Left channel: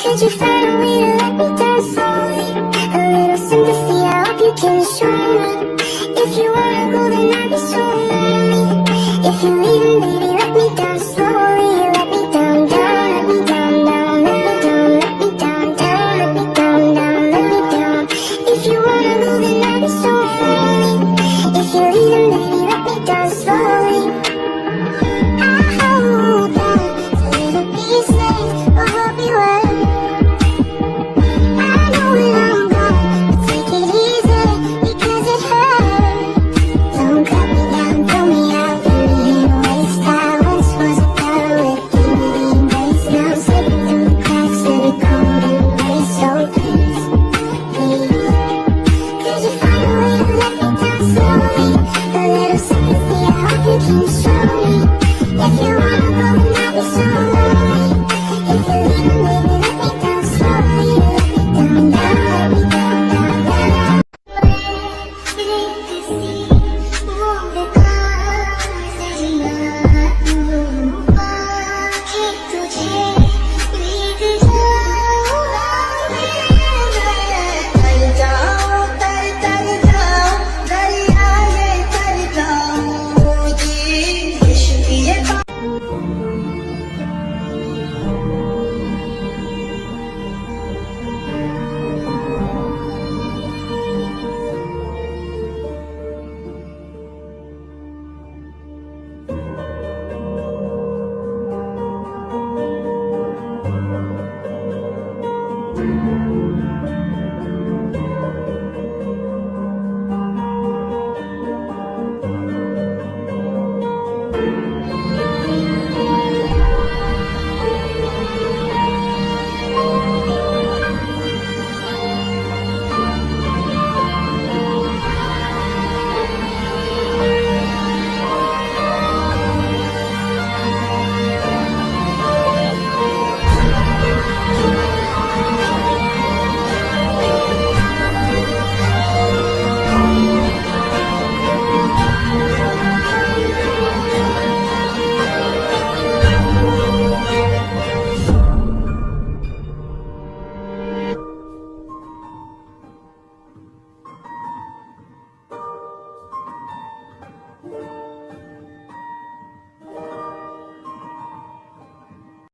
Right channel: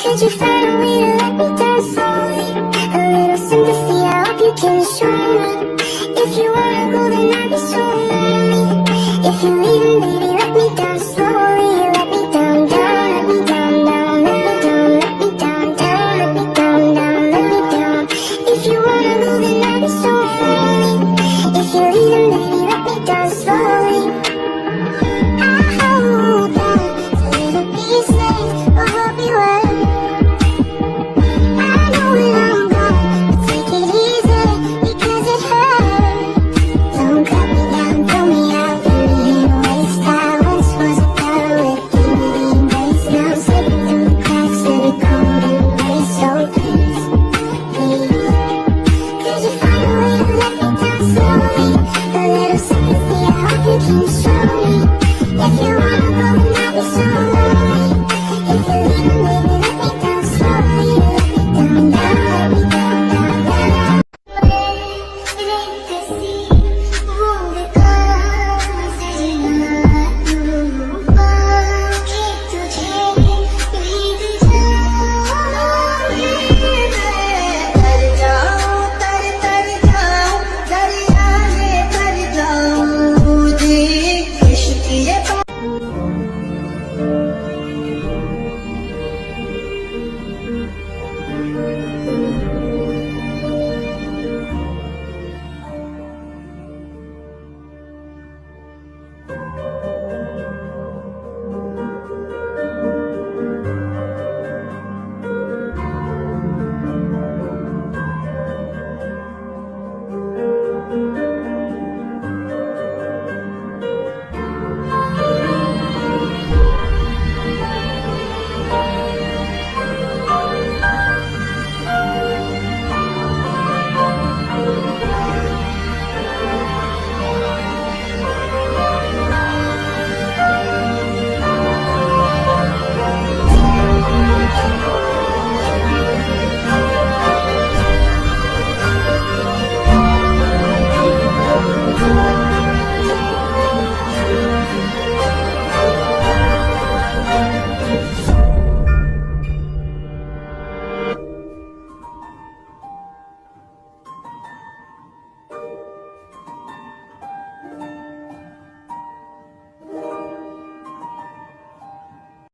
Could you find a way to let me down slowly? A little sympathy, I hope you can show me. If you wanna go, then I'd be so lonely. If you're leaving, baby, let me down slowly.